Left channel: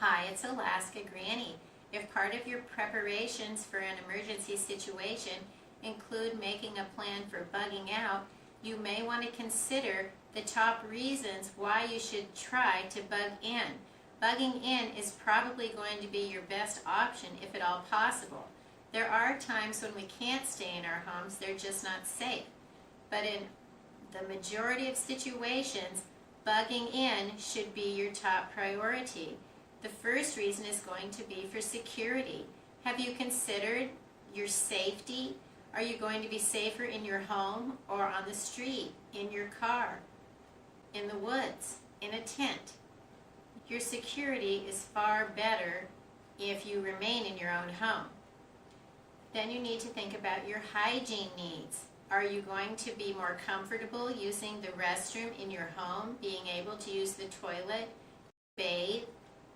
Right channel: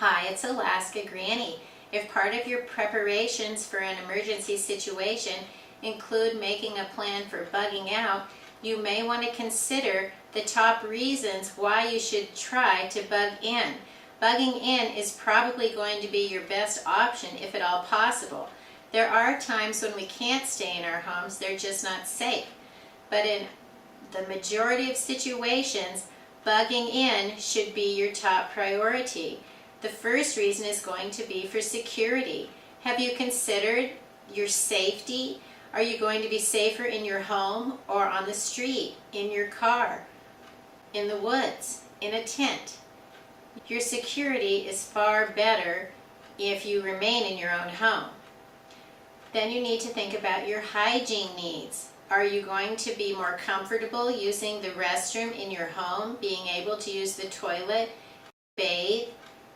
Hi, it's Alaska Granny. If part of your preparations for an emergency situation include making a plan for bugging out, you may want to consider the top reasons why you should try to bug in. Bugging in is probably going to be your best option if at all possible. There are times when we can't stay in our homes, they're just not safe. But in the majority of situations, bugging in should be your top priority. The first reason is going to be for security. Have you considered your safety? Are you going to be safer in your home or on the street, in your car, in the woods, in a tent? Your security is far better if you remain in your own home. Then you need to think about your hygiene needs. Are you going to be more comfortable using the restroom in your home, being able to use the toilet, bathe,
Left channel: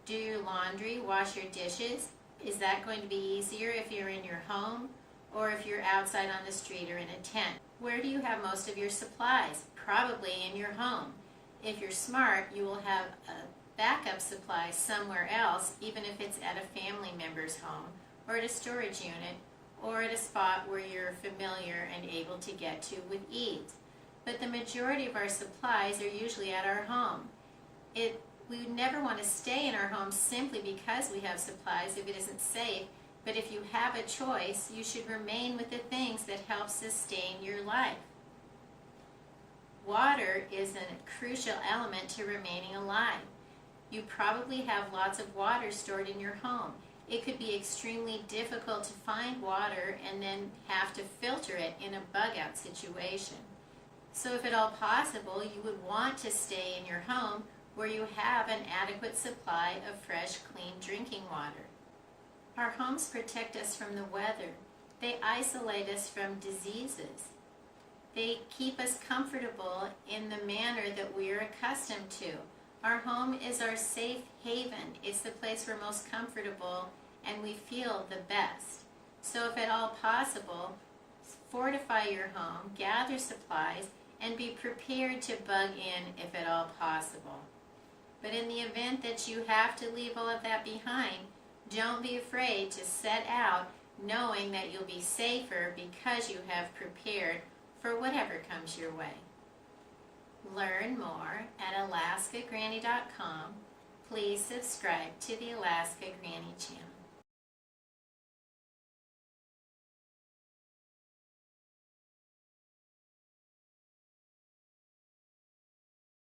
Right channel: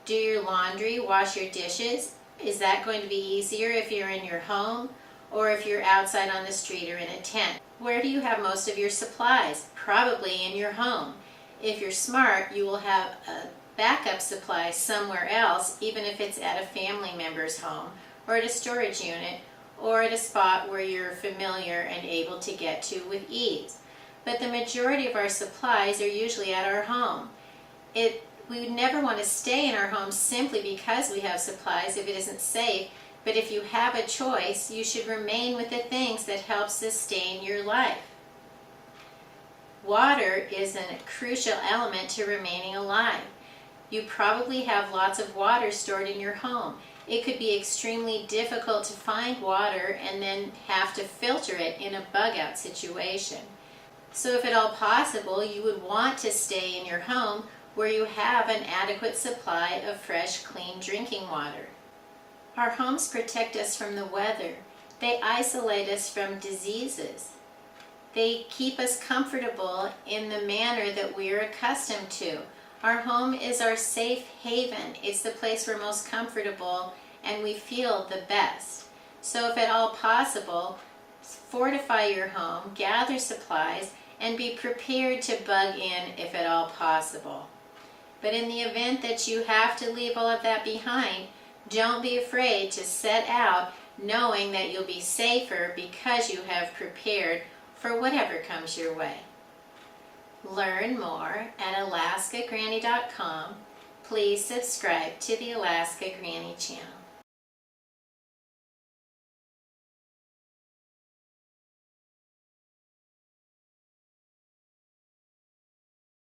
do your laundry, wash your dishes? Is that going to be easier if you're in your home or if you're outside on the street or in a tent? Where do you have most of your supplies? Probably in your home. If you're smart, you will have a backup supply somewhere else, even if it's at a family member's home or at a storage unit or at a spot where you're familiar and able to get to with ease. But the majority of our supplies are usually at our home. We would never want to stay in our home simply because we have supplies if it isn't safe, but if you have a choice, you should remain with the things that help sustain your life. Water is a crucial element to remaining alive. You probably have lots of water stored in your home. It could be extremely difficult to find water and then have to filter it in a bug-out situation. So if at all possible, you would want to stay in your home where you have an adequate supply of fresh, clean drinking water. Our homes protect us from the weather. They isolate us from diseases. They keep us comfortable in the manner that we are accustomed to. Our home is our safe haven. It's the place we're most comfortable and we feel the best. So if at all possible, fortify your home, gather supplies, and be prepared to bug in if at all possible. But in the event that you have to leave all of that behind, don't be afraid to set out knowing that you'll be safer because you have prepared for whatever comes your way. Learn more at alaskagranny.com. Please subscribe to the Alaska Granny channel.